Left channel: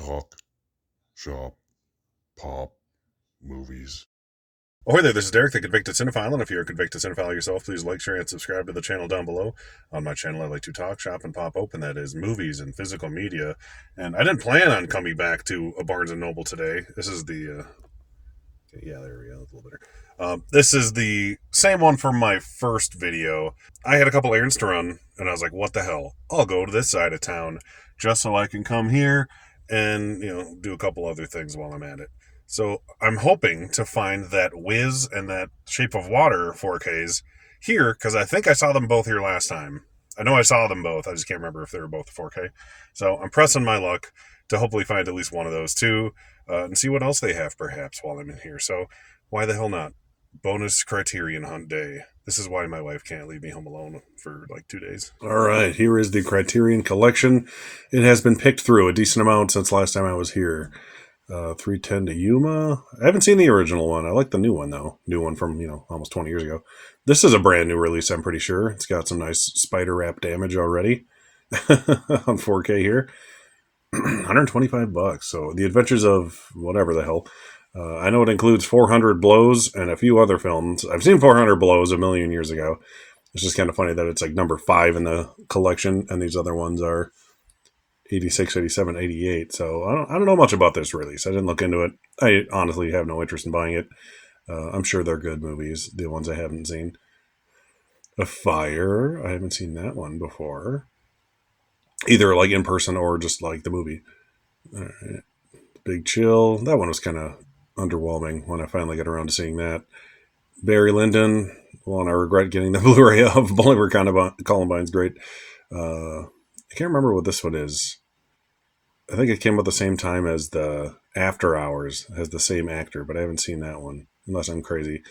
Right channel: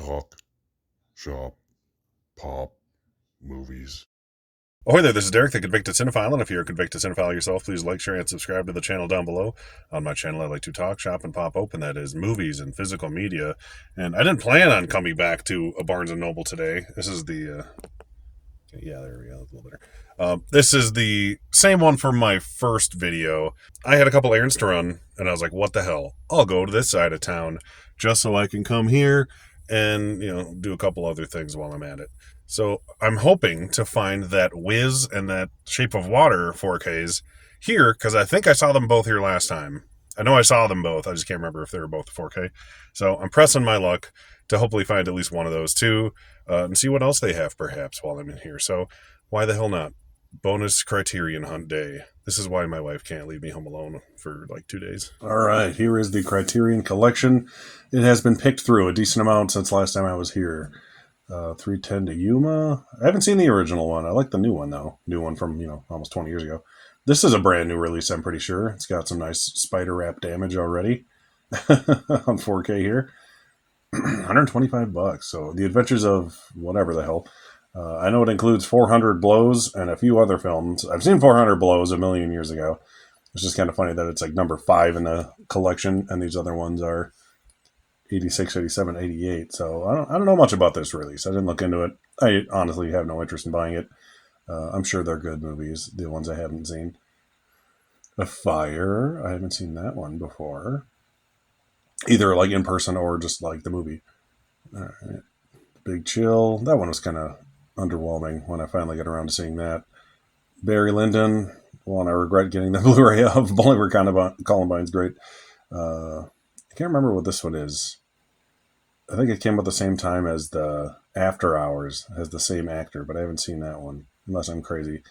Talk, shop, pop, movies. Ahoy there, this is Derek, the Convicted Cinephile, and if you're a convicted cinephile yourself, please like, share, and subscribe to the channel down below. On my channel, I like to talk, shop, and pop open, that is, movies and physical media. And I didn't plan on coming back to a Barnes & Noble today. This is the, yeah, there we go, a little better. This is the same one from my first video. I had a couple errands to run, and I was like, what the hell? I'll go to this side of town just so I can come here and, do a couple other things while I'm at it. So I'm hoping to find that Wiz and that Shape of Water 4Ks here, because I think I saw them both here last time. I know I saw them both. I just can't remember if they were both 4K. So I'm pressing my luck to hopefully find at least one of those two and see what else they have perhaps while I'm in here. So why the hell not? Bonus Criterion hunt day. This is why my wife can't leave me home alone for like 2 days. All right, here is the Criterion collection. It has been picked through a decent amount since last time I was here. 310 to Yuma. I haven't seen the original one. I like the new one, though. New one from, almost 20 years ago. This is a brand new release, I'm pretty sure. It's got some nice spider wrap damage already on 4K here. $125. So The Adventures of whatever the hell. I know it includes 400 Blows and a few other films. I've seen 400 Blows a million years ago. It's just kind of funny that it's like number 5 in the collection, and these other ones are 86, 87, 88. So I don't know much about this release. I didn't look into it. I honestly have no interest in buying it. I'm sure they're good movies, the ones I haven't seen. A Fire. I haven't seen that one before. Either like in person or just like the movie. All right. Big Chill. That one was kind of underwhelming when I finally got around to seeing that. Barry Lyndon. One I regret getting the Blu-ray of. Bolivar Columbine's great. I can't remember what this one is. I think it came out the same time as the After Hours. It has the same actor, but I haven't seen that one, unless I'm crazy.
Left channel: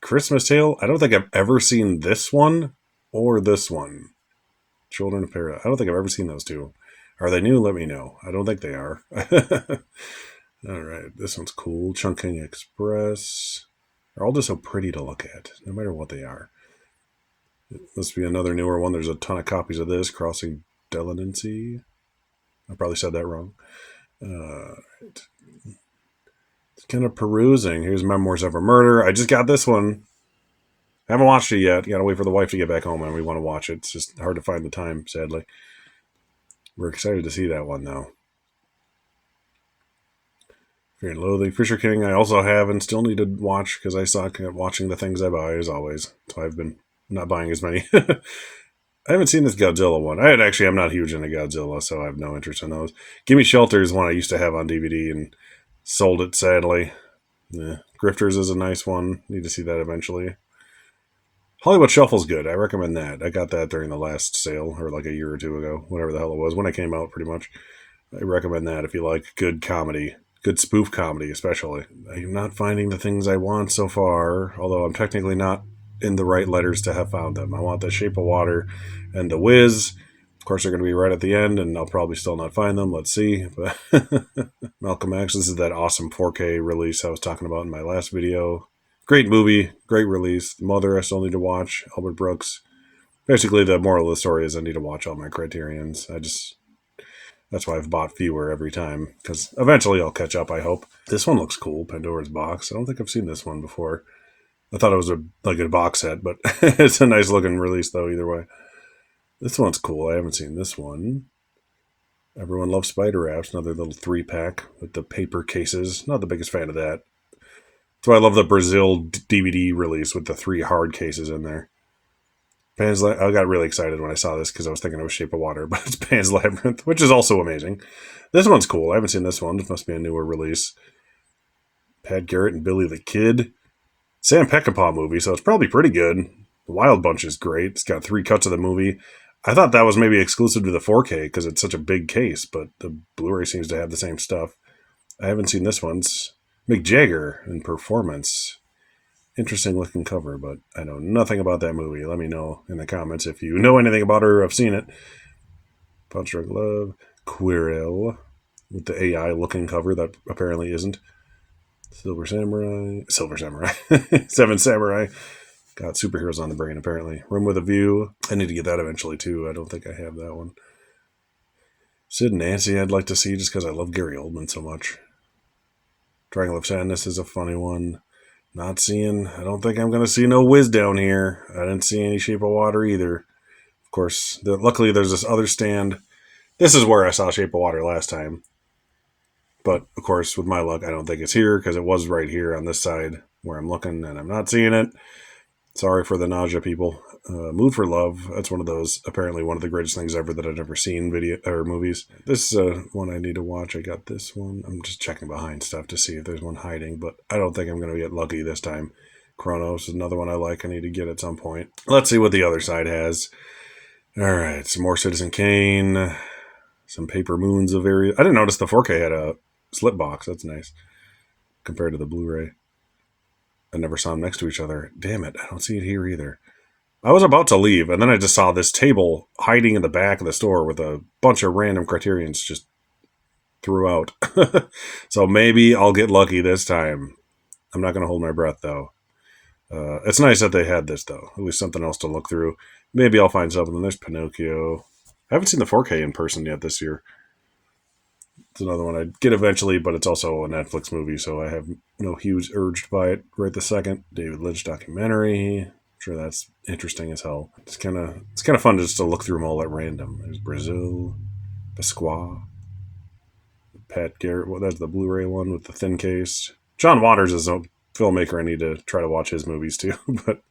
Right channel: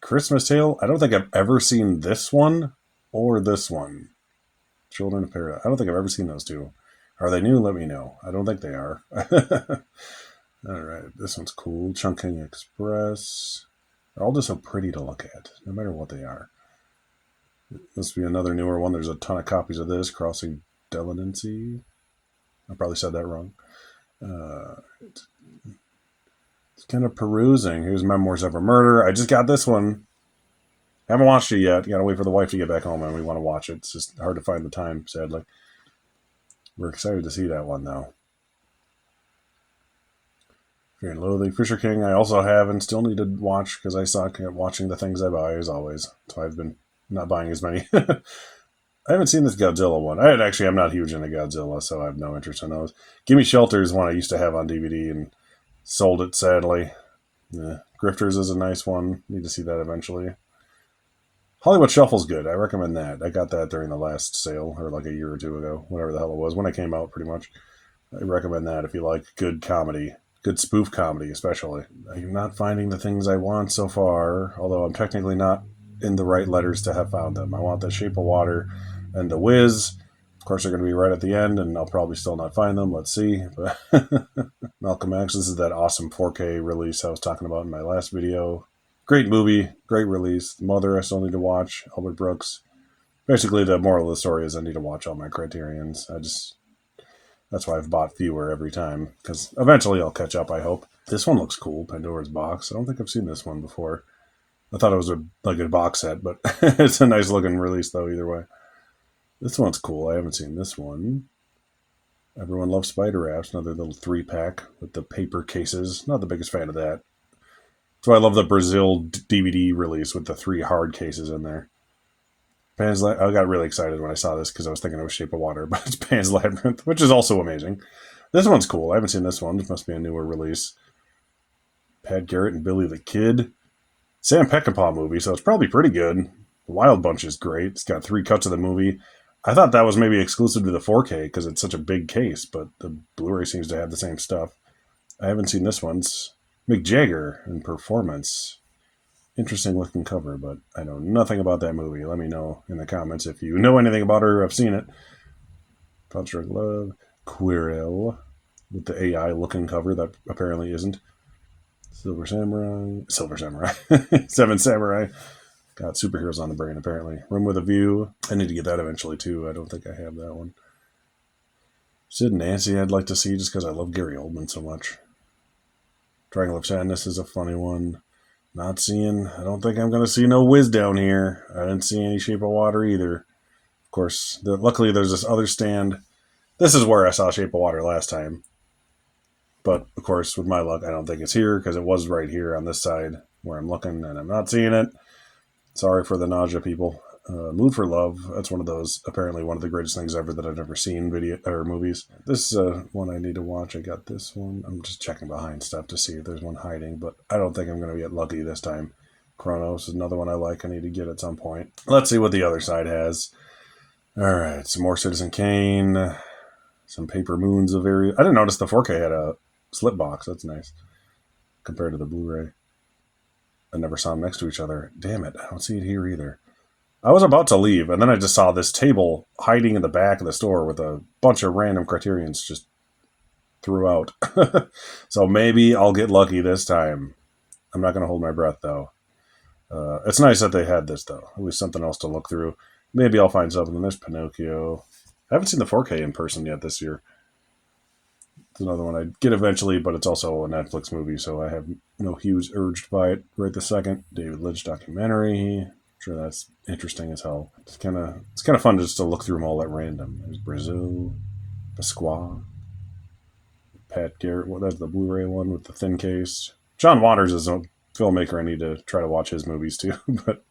Christmas Tale. I don't think I've ever seen this one or this one. Children of Paradise. I don't think I've ever seen those two. Are they new? Let me know. I don't think they are. All right. This one's cool. Chungking Express. They're all just so pretty to look at, no matter what they are. It must be another newer one. There's a ton of copies of this. Crossing Delinancy. I probably said that wrong. It's kind of perusing. Here's Memoirs of a Murder. I just got this one. Haven't watched it yet. Got to wait for the wife to get back home and we want to watch it. It's just hard to find the time, sadly. We're excited to see that one, though. Fear and Loathing. Fisher King I also have and still need to watch because I suck at watching the things I buy, as always. So I've been not buying as many. I haven't seen this Godzilla one. I'm not huge into Godzilla, so I have no interest in those. Gimme Shelter is one I used to have on DVD and sold it, sadly. Yeah. Grifters is a nice one. Need to see that eventually. Hollywood Shuffle's good. I recommend that. I got that during the last sale, or like a year or two ago, whatever the hell it was, when it came out, pretty much. I recommend that if you like good comedy, good spoof comedy, especially. I'm not finding the things I want so far, although I'm technically not in the right letters to have found them. I want The Shape of Water and The Wiz. Of course, they're going to be right at the end, and I'll probably still not find them. Let's see. But Malcolm X, this is that awesome 4K release I was talking about in my last video. Great movie, great release. The Mother I still need to watch. Albert Brooks. Basically, the moral of the story is I need to watch all my Criterions. That's why I've bought fewer every time, because eventually I'll catch up, I hope. This one looks cool, Pandora's Box. I don't think I've seen this one before. I thought it was a box set, but it's a nice looking release, though, either way. This one's cool. I haven't seen this one. Everyone Loves Spider Wraps, another little 3-pack with the paper cases. Not the biggest fan of that. That's why I love the Brazil DVD release with the 3 hard cases in there. I got really excited when I saw this because I was thinking it was Shape of Water, but it's Pan's Labyrinth, which is also amazing. This one's cool. I haven't seen this one. This must be a newer release. Pat Garrett and Billy the Kid. Sam Peckinpah movie, so it's probably pretty good. The Wild Bunch is great. It's got 3 cuts of the movie. I thought that was maybe exclusive to the 4K because it's such a big case, but the Blu-ray seems to have the same stuff. I haven't seen this one. It's Mick Jagger in Performance. Interesting looking cover, but I know nothing about that movie. Let me know in the comments if you know anything about her or have seen it. Punch Drunk Love. Quirrell with the AI looking cover that apparently isn't. Silver Samurai. Seven Samurai. Got superheroes on the brain, apparently. Room with a View. I need to get that eventually, too. I don't think I have that one. Sid and Nancy I'd like to see just because I love Gary Oldman so much. Triangle of Sadness is a funny one. Not seeing, I don't think I'm going to see no Whiz down here. I didn't see any Shape of Water either. Of course, luckily there's this other stand. This is where I saw Shape of Water last time. But of course, with my luck, I don't think it's here because it was right here on this side where I'm looking and I'm not seeing it. Sorry for the nausea, people. Mood for Love. That's one of those. Apparently, one of the greatest things ever that I've ever seen video or movies. This is one I need to watch. I got this one. I'm just checking behind stuff to see if there's one hiding, but I don't think I'm going to get lucky this time. Chronos is another one I like. I need to get at some point. Let's see what the other side has. All right, some more Citizen Kane. Some Paper Moons of various. I didn't notice the 4K had a slip box. That's nice compared to the Blu-ray. I never saw them next to each other. Damn it, I don't see it here either. I was about to leave, and then I just saw this table hiding in the back of the store with a bunch of random Criterions just throughout. So maybe I'll get lucky this time. I'm not going to hold my breath, though. It's nice that they had this, though. At least something else to look through. Maybe I'll find something. There's Pinocchio. I haven't seen the 4K in person yet this year. It's another one I'd get eventually, but it's also a Netflix movie, so I have no huge urge to buy it right this second. David Lynch documentary. I'm sure that's interesting as hell. It's kind of fun just to look through them all at random. There's Brazil, Pasqua, Pat Garrett. Well, that's the Blu-ray one with the thin case. John Waters is a filmmaker. I need to try to watch his movies too. But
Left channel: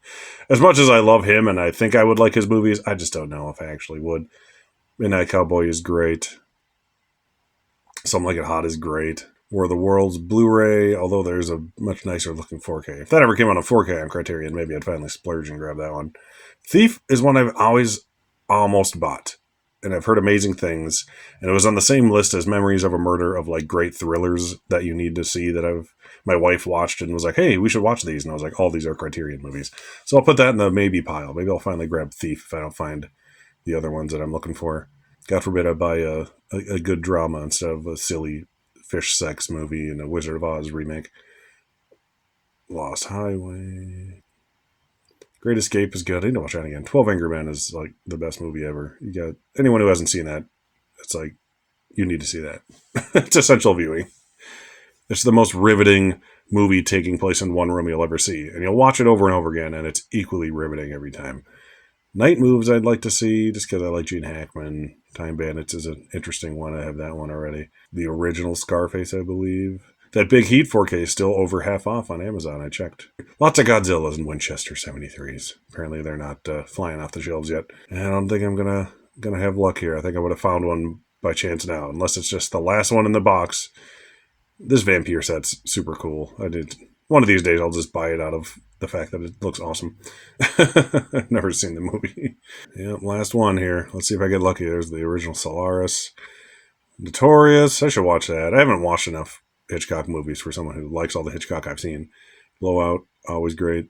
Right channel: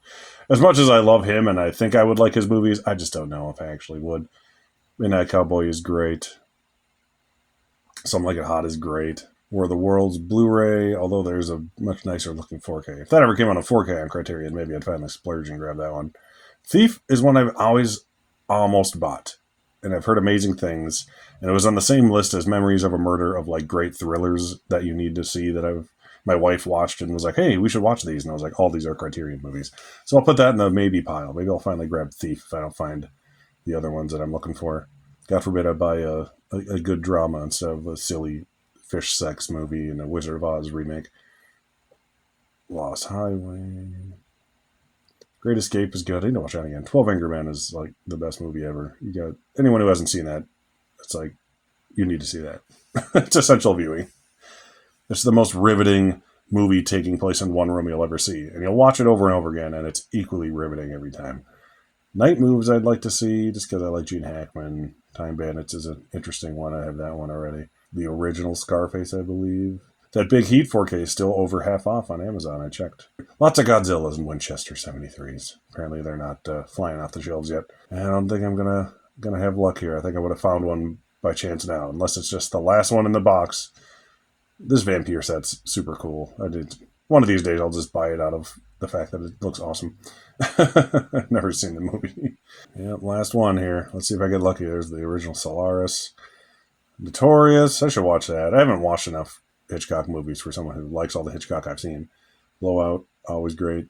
as much as I love him and I think I would like his movies, I just don't know if I actually would. Midnight Cowboy is great. Something Like It Hot is great. War of the Worlds Blu-ray, although there's a much nicer looking 4K. If that ever came on a 4K on Criterion, maybe I'd finally splurge and grab that one. Thief is one I've always almost bought, and I've heard amazing things. And it was on the same list as Memories of a Murder of like great thrillers that you need to see that my wife watched and was like, hey, we should watch these. And I was like, all these are Criterion movies. So I'll put that in the maybe pile. Maybe I'll finally grab Thief if I don't find the other ones that I'm looking for. God forbid I buy a good drama instead of a silly fish sex movie and a Wizard of Oz remake. Lost Highway. Great Escape is good. I need to watch that again. 12 Angry Men is like the best movie ever. You got anyone who hasn't seen that, it's like, you need to see that. It's essential viewing. It's the most riveting movie taking place in one room you'll ever see. And you'll watch it over and over again, and it's equally riveting every time. Night Moves I'd like to see just because I like Gene Hackman. Time Bandits is an interesting one. I have that one already. The original Scarface, I believe. That Big Heat 4K is still over half off on Amazon. I checked. Lots of Godzillas and Winchester 73s. Apparently they're not flying off the shelves yet. And I don't think I'm gonna have luck here. I think I would have found one by chance now, unless it's just the last one in the box. This Vampire set's super cool. One of these days I'll just buy it out of the fact that it looks awesome. I've never seen the movie. Yep, last one here. Let's see if I get lucky. There's the original Solaris. Notorious. I should watch that. I haven't watched enough Hitchcock movies for someone who likes all the Hitchcock I've seen. Blowout, always great.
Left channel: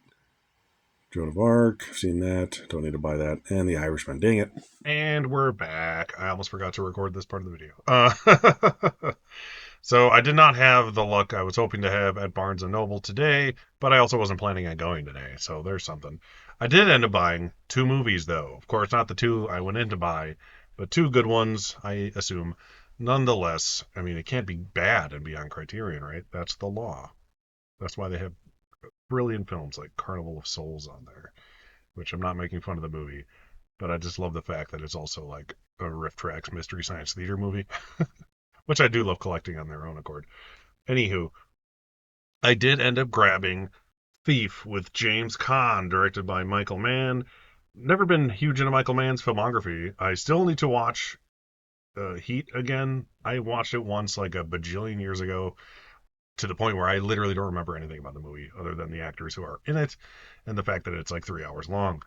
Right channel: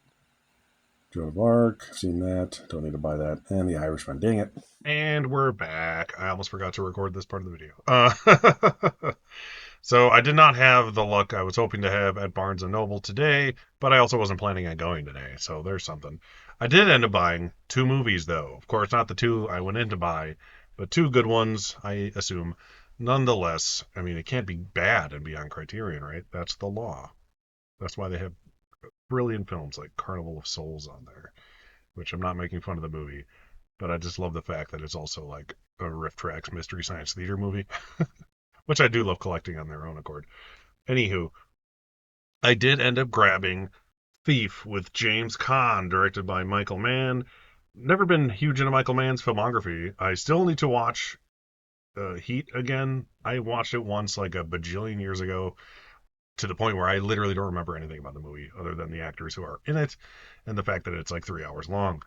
Joan of Arc, I've seen that. Don't need to buy that. And The Irishman. Dang it. And we're back. I almost forgot to record this part of the video. So I did not have the luck I was hoping to have at Barnes & Noble today, but I also wasn't planning on going today, so there's something. I did end up buying 2 movies, though. Of course, not the 2 I went in to buy, but 2 good ones, I assume. Nonetheless, I mean, it can't be bad and be on Criterion, right? That's the law. That's why they have brilliant films like Carnival of Souls on there, which I'm not making fun of the movie, but I just love the fact that it's also like a Riff Tracks Mystery Science Theater movie. Which I do love collecting on their own accord. Anywho, I did end up grabbing Thief with James Caan, directed by Michael Mann. Never been huge into Michael Mann's filmography. I still need to watch Heat again. I watched it once like a bajillion years ago to the point where I literally don't remember anything about the movie other than the actors who are in it and the fact that it's like 3 hours long.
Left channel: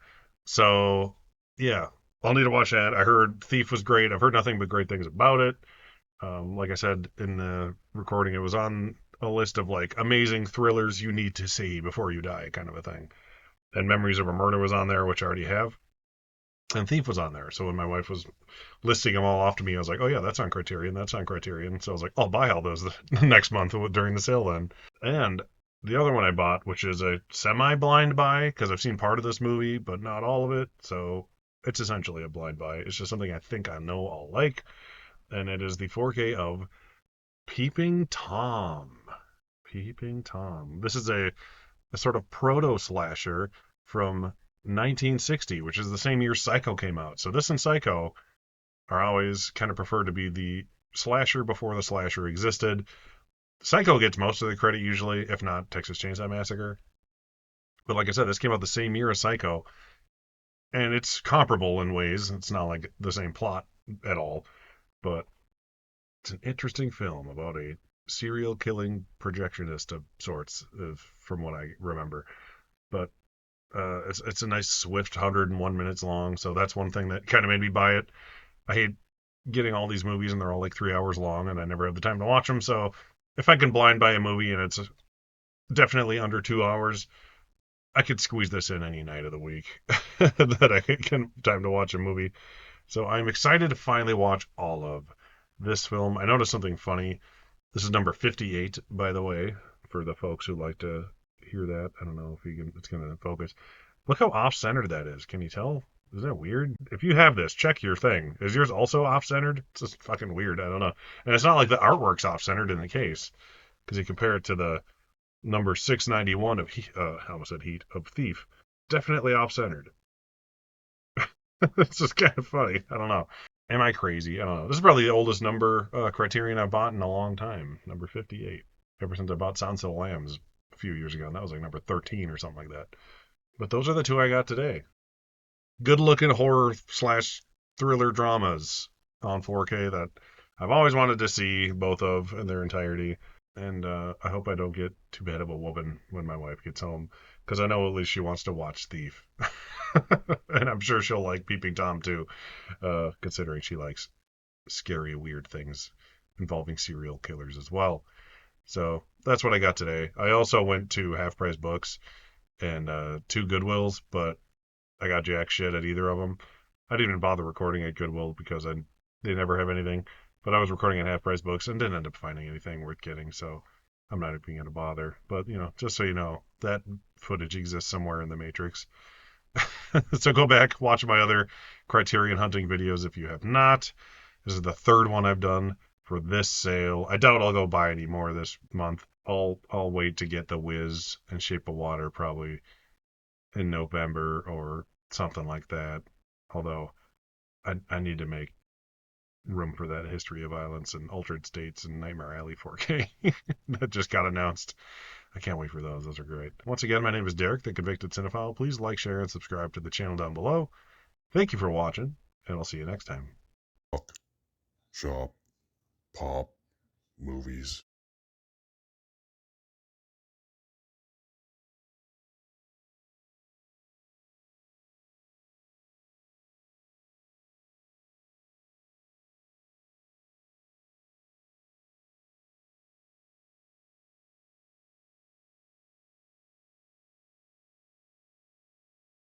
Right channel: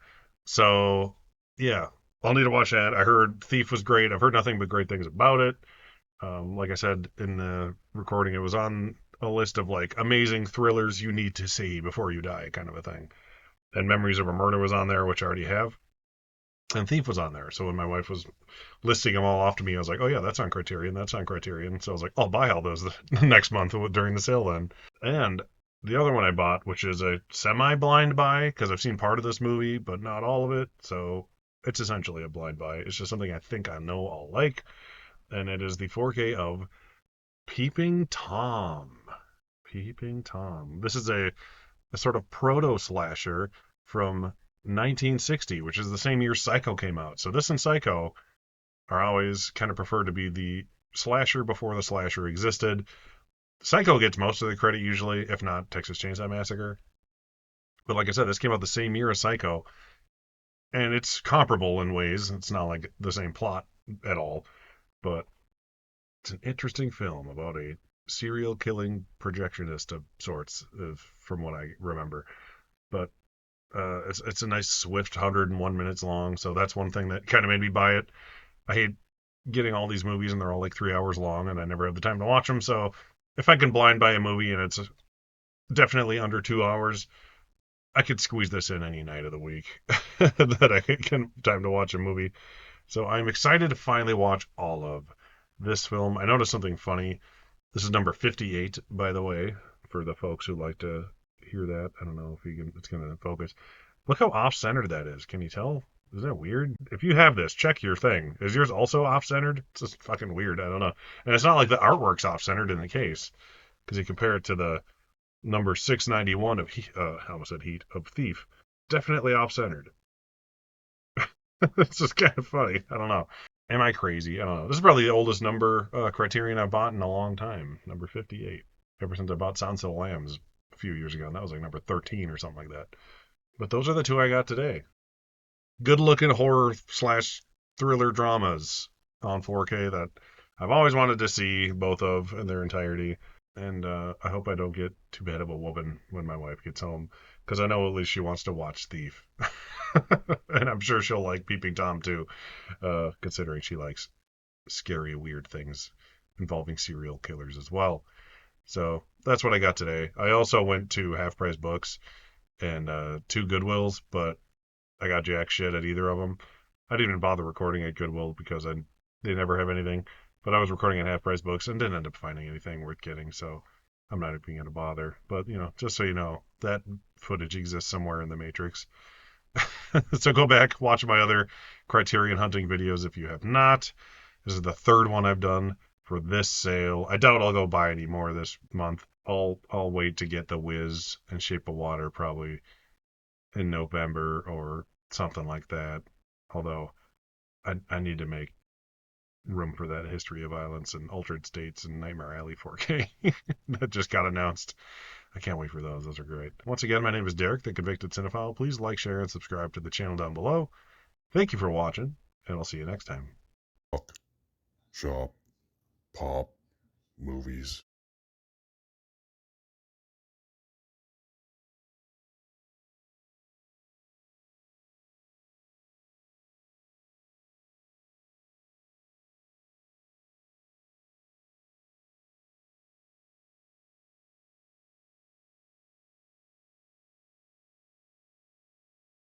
So, yeah, I'll need to watch that. I heard Thief was great. I've heard nothing but great things about it. Like I said in the recording, it was on a list of like amazing thrillers you need to see before you die kind of a thing. And Memories of a Murder was on there, which I already have. And Thief was on there. So when my wife was listing them all off to me, I was like, oh yeah, that's on Criterion. That's on Criterion. So I was like, I'll buy all those the next month during the sale then. And the other one I bought, which is a semi-blind buy, because I've seen part of this movie, but not all of it. So it's essentially a blind buy. It's just something I think I know I'll like. and it is the 4K of Peeping Tom. Peeping Tom. This is a sort of proto slasher from 1960, which is the same year Psycho came out. So this and Psycho are always kind of preferred to be the slasher before the slasher existed. Psycho gets most of the credit usually, if not Texas Chainsaw Massacre. But like I said, this came out the same year as Psycho, and it's comparable in ways. It's not like the same plot at all, but it's an interesting film about a serial killing projectionist of sorts, from what I remember. But it's a nice swift 101 minutes long, so that's one thing that kind of made me buy it. I hate getting all these movies and they're all like 3 hours long, and I never have the time to watch them. So if I can blind buy a movie and it's definitely under 2 hours, I could squeeze this in any night of the week that I can time to watch a movie. So I'm excited to finally watch all of this film. I noticed something funny. This is number 58, by the way, for the folks who like to hear that. I don't know if you can. It's going to focus. Look how off-centered that is. Can you tell? Is that weird? If you have this, check your thing. Is yours also off-centered? It's just fucking weird. I don't know. And it's not like the artwork's off-centered in the case, because you compare it to the number 691 of I almost said Heat of Thief. Definitely off-centered. It's just kind of funny. I don't know. Am I crazy? I don't know. This is probably the oldest number Criterion I've bought in a long time. Number 58. Ever since I bought Silence of the Lambs a few years ago, and that was like number 13 or something like that. But those are the two I got today. Good looking horror slash thriller dramas on 4K that I've always wanted to see, both of in their entirety. And I hope I don't get too bad of a woman when my wife gets home, because I know at least she wants to watch Thief. And I'm sure she'll like Peeping Tom too, considering she likes scary, weird things involving serial killers as well. So that's what I got today. I also went to Half Price Books and two Goodwills, but I got jack shit at either of them. I didn't even bother recording at Goodwill because they never have anything. But I was recording at Half Price Books and didn't end up finding anything worth getting, so I'm not even going to bother. But, just so you know, that footage exists somewhere in the Matrix. So go back, watch my other Criterion hunting videos if you have not. This is the third one I've done for this sale. I doubt I'll go buy any more this month. I'll wait to get The Wiz and Shape of Water probably in November or something like that. Although I need to make room for that History of Violence and Altered States and Nightmare Alley 4K that just got announced. I can't wait for those. Those are great. Once again, my name is Derek, the Convicted Cinephile. Please like, share, and subscribe to the channel down below. Thank you for watching, and I'll see you next time. Shop, pop, movies.